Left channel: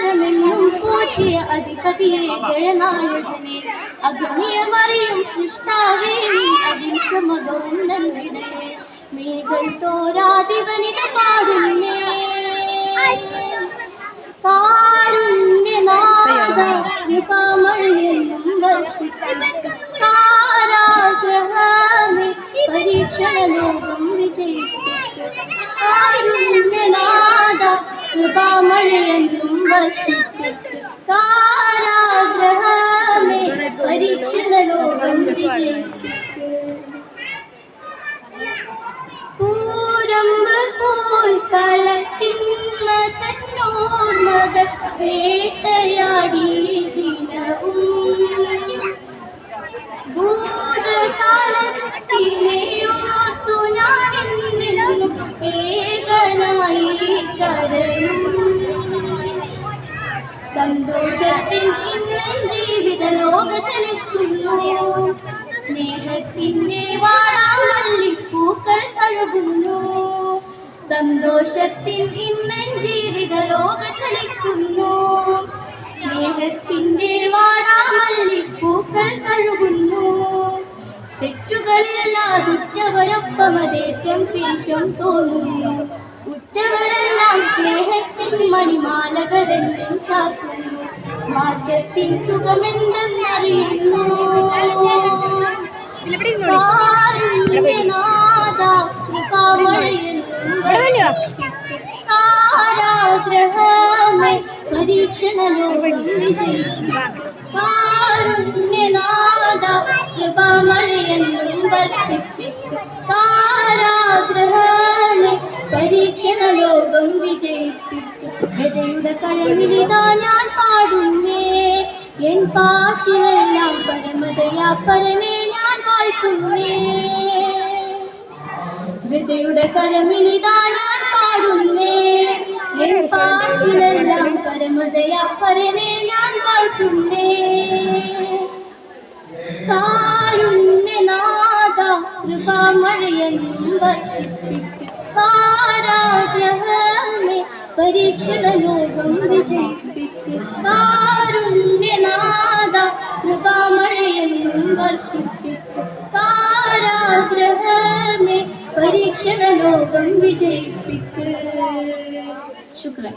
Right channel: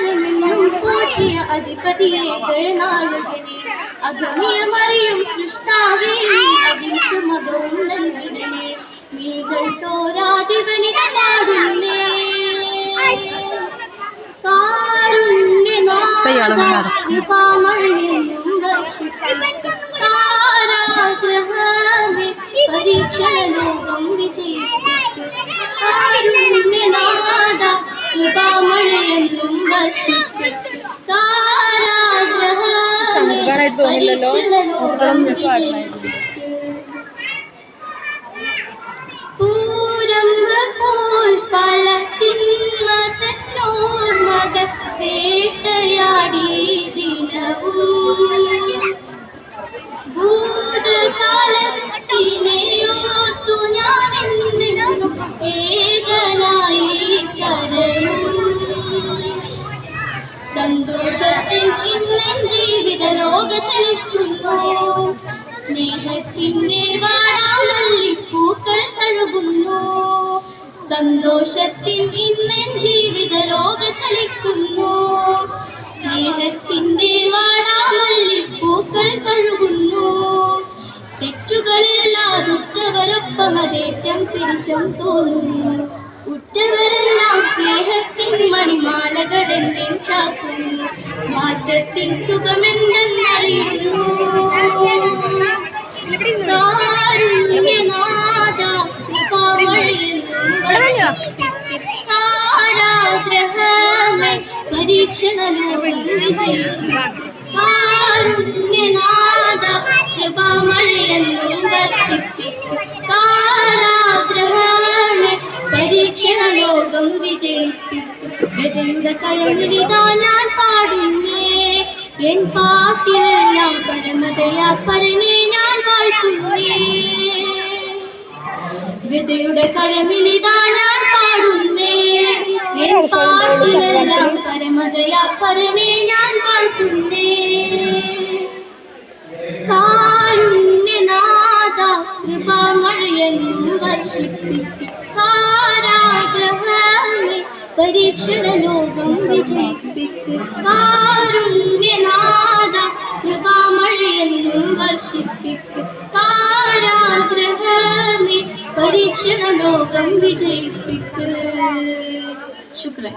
അക്ഷരമെന്നും പോറ്റിയ അധിപതിയെ ഗഴനായകനെ അഗമ്യമറിയും സൃഷ്ടാവേ അഹിംസമകവും നൽകിടനെ മീകൾ തോരാതിവനിക പാടുന്നേ കാരുണ്യനാഥ കൃപാമഴയെന്നും വർഷിപ്പിക്ക കാരാഗ്രഹമേ പരീക്ഷണ ലോകം വിജയിപ്പിക്ക കാരുണ്യനാഥ കൃപാമഴയെന്നും വർഷിപ്പിക്ക കാരാഗ്രഹമേ പരീക്ഷണ ലോകം വിജയിപ്പിക്ക പൂരമ്പ് പോൽ ഫലത്തിന്മ തന്നോർമകൾ വേട്ടയാടി ദിനവും ഭൂതകാലത്തിനെയോർത്തു ഞാനെന്നും ഏകനായി കരയും സന്തോഷത്തിൻ ഇന്നൻ ജീവിത ലോക ചലിക്കുന്നു സ്നേഹത്തിന്റെ വാടാമല്ലിപ്പൂക്കൾ തഴുകുന്നു സന്തോഷത്തിൻ ഇന്നൻ ജീവിത ലോക ചലിക്കുന്നു സ്നേഹത്തിന്റെ വാടാമല്ലിപ്പൂക്കൾ തഴുകുന്നു തെറ്റുകളില്ലാതുറ്റവരൊപ്പം അതേറ്റം പിരിശം തോന്നുന്നു ഉറ്റവരെല്ലാം സ്നേഹത്തിൻ മണിമാലകളെന്നും ചാത്തുന്നു മാറ്റത്തിൻ സുഖമെന്തെന്നറിയുന്നു കാരുണ്യനാഥ കൃപാമഴയെന്നും വർഷിപ്പിക്ക കാരാഗ്രഹമേ പരീക്ഷണ ലോകം വിജയിപ്പിക്ക കാരുണ്യനാഥ കൃപാമഴയെന്നും വർഷിപ്പിക്ക കാരാഗ്രഹമേ പരീക്ഷണ ലോകം വിജയിപ്പിക്ക ഗതയുടെ കഴവിലിതാ ഞാൻ പാടുന്നേ എൻ പാട്ടിലെല്ലാം പരമതയാ പരനെ ഞാൻ വാഴ്ത്തുന്നേ വിതയുടെ കഴമിലിതാ ഞാൻ പാടുന്നേ എൻ പാട്ടിലെല്ലാം പരമതയാ പരനെ ഞാൻ വാഴ്ത്തുന്നേ കാരുണ്യനാഥ കൃപാമഴയെന്നും വർഷിപ്പിക്ക കാരാഗ്രഹമേ പരീക്ഷണ ലോകം വിജയിപ്പിക്ക കാരുണ്യനാഥ കൃപാമഴയെന്നും വർഷിപ്പിക്ക കാരാഗ്രഹമേ പരീക്ഷണ ലോകം വിജയിപ്പിക്ക ശുക്രൻ.